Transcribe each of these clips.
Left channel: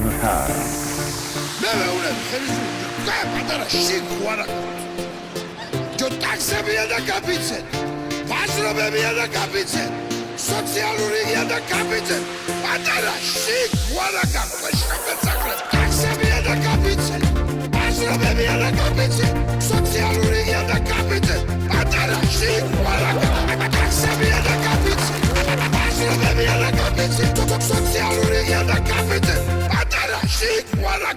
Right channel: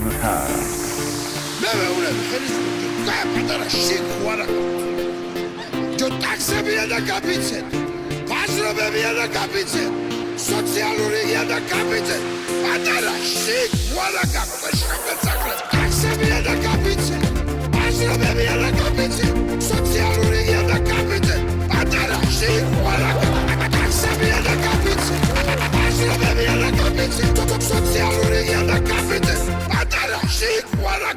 მე მეუბნები ხელისუფლებას კა პატარა შიქვარა ჯო ტაქსებია და კაპიცეთ ბაზრობებია და კაპიცეთ სოციალურია და კაპიცეთ პატარა შიქვარა კაპეშკაპეცაკრე ტაქსებია და კაპიცეთ ბაზრობებია და კაპიცეთ სოციალურია და კაპიცეთ პატარა შიქვარა ტაქსებია და კაპიცეთ ბაზრობებია და კაპიცეთ სოციალურია და კაპიცეთ პატარა შიქვარა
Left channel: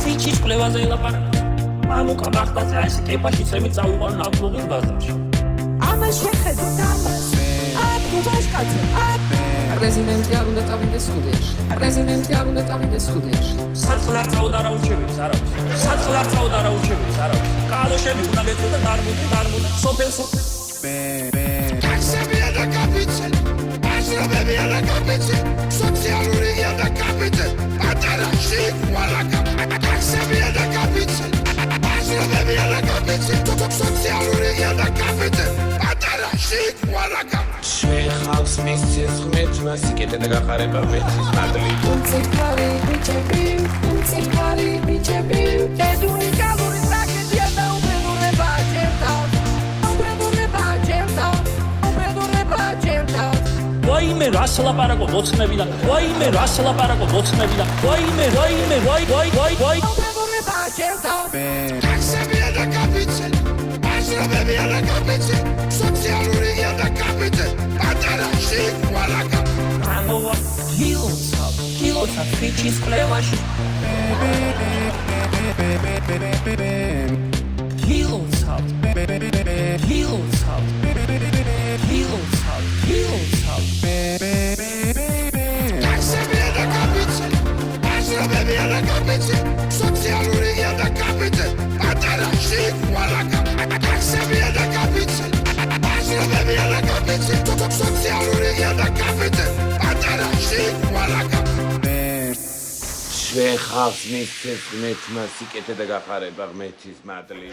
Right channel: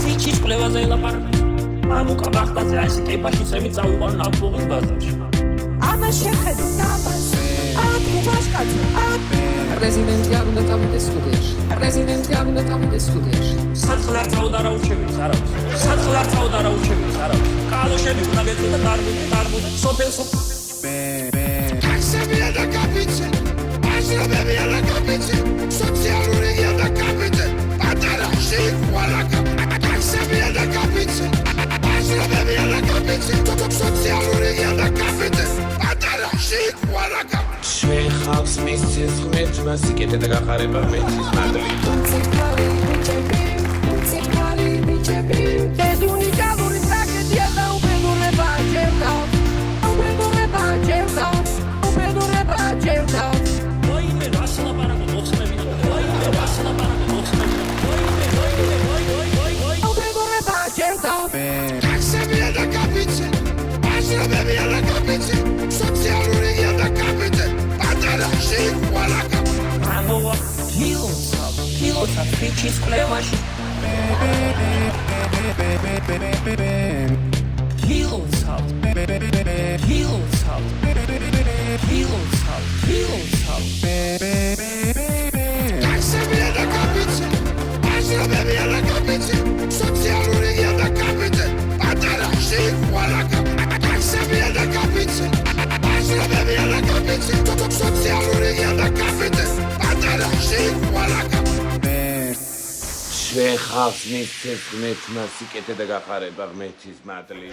Ციჩის ყლევაზე ელაპარაკ. მამუკა მახტაზე ასე კეფაში წემი წავიყვან ნაფლუღის ბაზარში. პრეზიდენტი არ უნდა წავიდეს სტუდიაში. პრეზიდენტი არ უნდა წავიდეს სტუდიაში. საწყლარ წავდა რა უჩევიც არავის. საწყლარ წავდა რა უჩევიც არავის. კალოშები უნდა გეწოდა დარმუდე სოფელსო. ტაქსებია და კაპიცეთ. ბაზრობებია და კაპიცეთ. სოციალურია და კაპიცეთ. პატარა შიქვარა ტაქსებია და კაპიცეთ. ბაზრობებია და კაპიცეთ. სოციალურია და კაპიცეთ. პატარა შიქვარა შეხავს მის სისხლით მასიკეთე და გახარება მეცის მადლი უნციფარი ბიჭები ბედუნი კალური ტრაგედია მეუბედურება ჭერდაო ვაიმე რას ლაპარაკო მოცნებიდან ვაიმე რას ლაპარაკო მოცნებიდან ვაიმე უბედურება ჭერდაო ტაქსებია და კაპიცეთ. ბაზრობებია და კაპიცეთ. სოციალურია და კაპიცეთ. პატარა შიქვარა ამოვა კილოცა ფიჩის ყლევაში კილოცა ტაქსებია და კაპიცეთ. ბაზრობებია და კაპიცეთ. სოციალურია და კაპიცეთ. პატარა შიქვარა ტაქსებია და კაპიცეთ. ბაზრობებია და კაპიცეთ. სოციალურია და კაპიცეთ. პატარა შიქვარა შეხავს მის სისხლით მასიკეთე და გახარება მეცის მადლი